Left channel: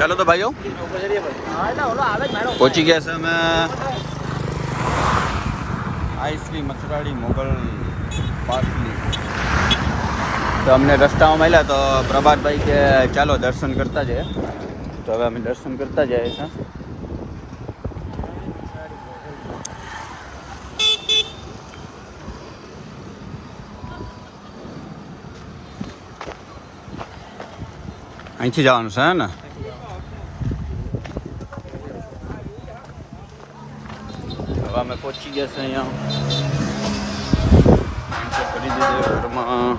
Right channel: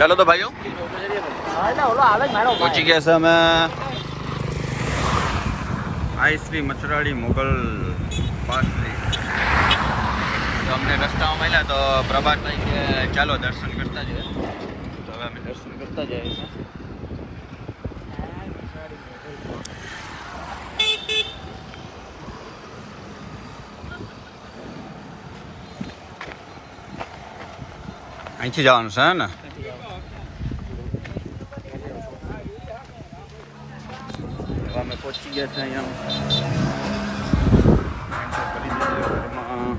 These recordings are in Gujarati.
ચાલો તો ભાઈઓ પહોંચી ગયા છે અમે આઈશ્રી મથરાળી મોગલ પાટલી. તો અમને રસ્તામાં મળ્યા તો પ્રભાતભાઈ કે ચાલો દર્શન કરતા જઈએ. તો હવે અમે દર્શન કરતા જઈએ છીએ. અહીંથી જવાનું છે ને. હવે અમે પહોંચી ગયા છે અહીંયા. કરી દીધું ઘરમાં.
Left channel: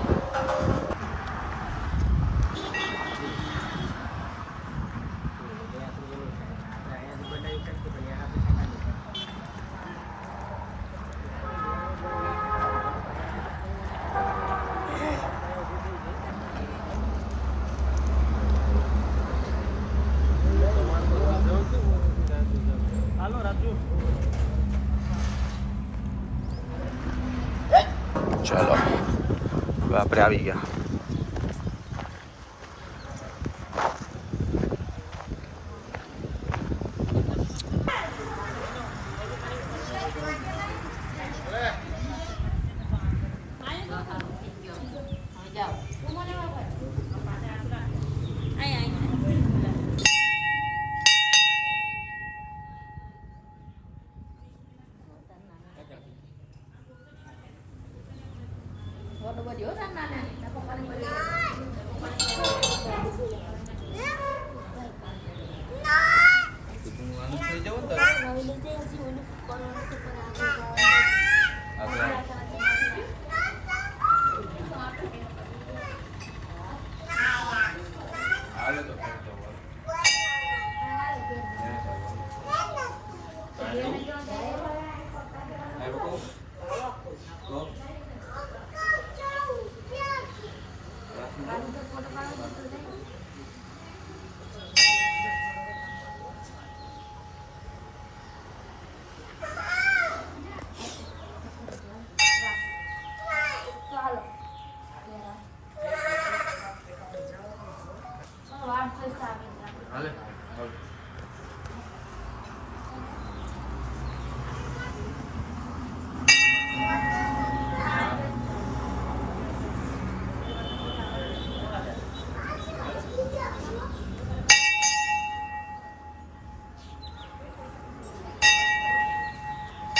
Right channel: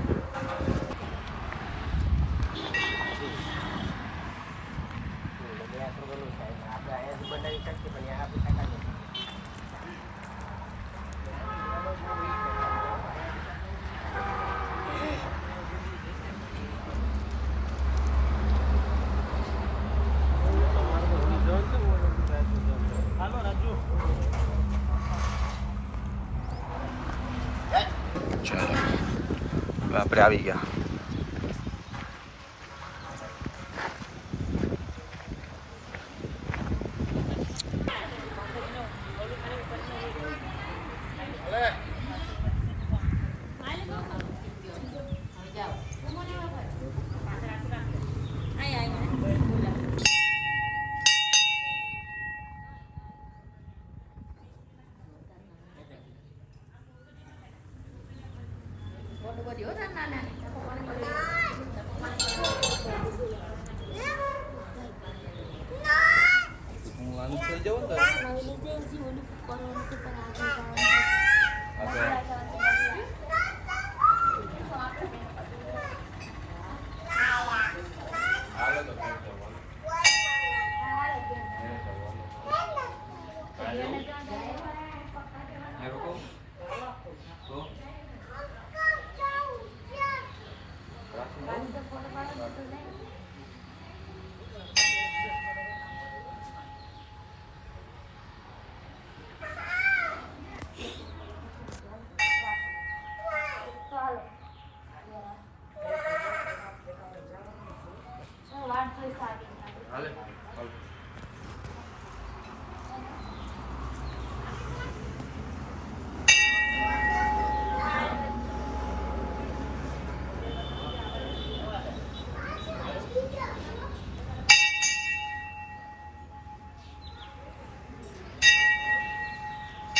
ચાલો આપણે આવી ગયા.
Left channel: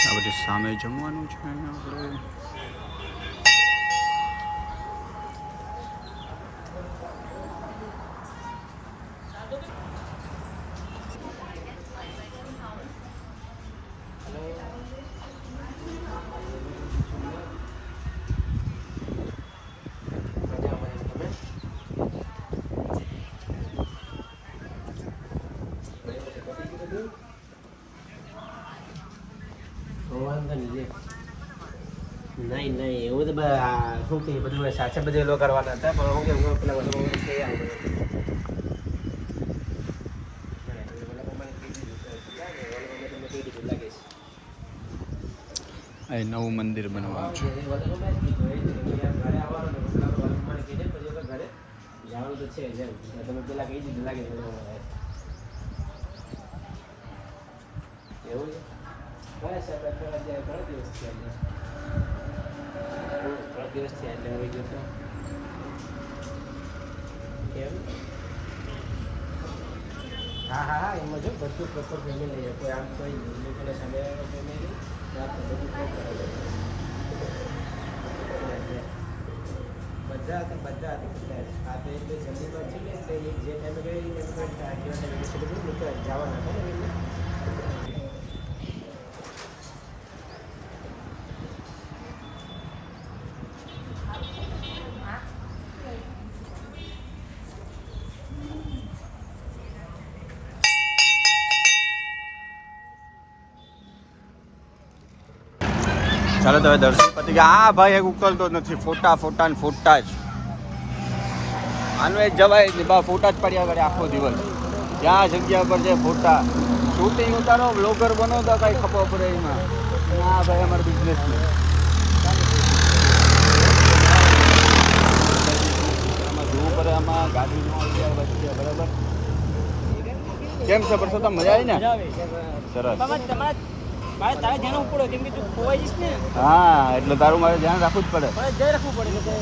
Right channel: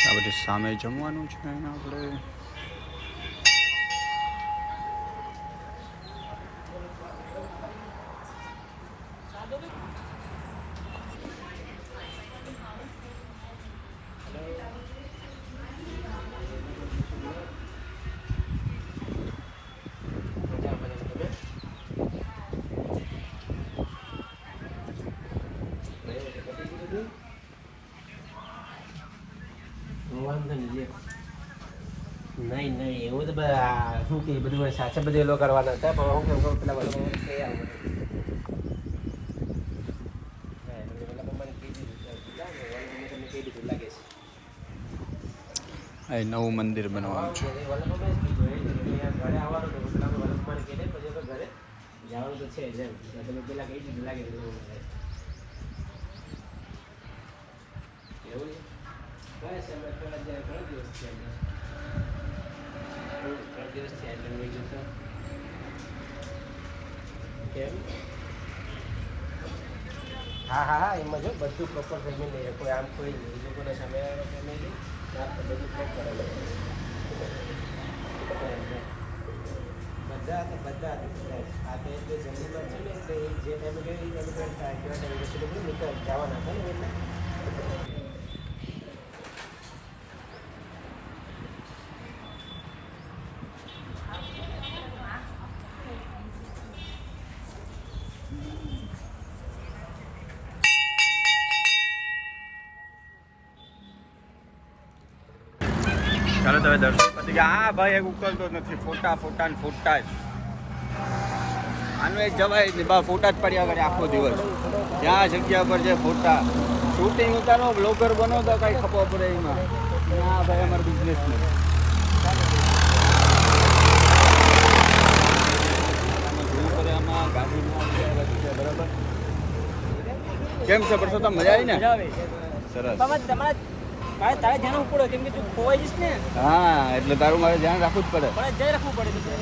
આ બધી સામે જમવાનું છે આપણે. નહીં એવું તો શું કે બધું સાચે બધું લોકો કરવાના હતા પણ હું કેવું પેલા બધું અહીં નવું મંદિર બનવાનું છે. જવાનું તો છે જેમ તમે પેલા કહી દીધું લાગે એવું બસ ઘણા દિવસ છે એટલે આવી ગયો તો કેમ હા એમાં જો બધું પ્રોપર થઈ ગયું કોઈ આમ કોઈ લોકોને સમય બધા આ બે જે ટાઈમે જવાના ચાલો તો હવે દર્શન પતી ગયા. હા ભાઈ એક ઉકલતો જ નથી. ફોટા ફોટા ને ફોટા જ. આનું એક જવાય જ નહીં બા. ફોટા જ પડ્યા કરે આખો દિવસ. જ્યાં જગ્યા પર છે ફોટા. શૂટિંગ ઉતારો બ્લોગર બનો તો કાંઈ ખબર પડે એમાં. હા ભાઈ અમારો બિઝનેસમેન. આમાં જોવું પડે. આમાં ગાડી ન આવી જાય વચ્ચે બરાબર. કેમ છે પરસોત્તમ, મજા આવી ને? મજા આવે. સરસ. તારે ધ્યાન રાખવું પડે કેમ કે તું ખોવાઈ જઈશ ને. હા એટલે તારું મારે ધ્યાન રાખવું જ પડે. પણ જઈ રાખવું પડે એટલે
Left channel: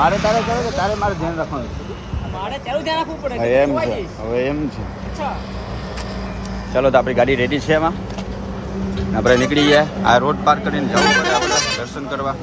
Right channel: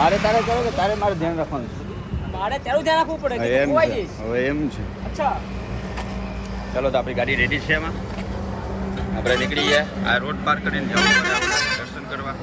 મારે તારે કરો કે તારે મારે ધ્યાન રાખવાનું? મારે તારું ધ્યાન રાખવું પડે હા, કે તું એમ ખોવાઈ છે. જઈશ. હવે એમ છે. અચ્છા ચાલો તો આપણી ગાડી રેડી છે એમાં આપણે નીકળી ગયા. આ રોડ પાર કરીને જવું પડે આપણે દર્શન કરવા.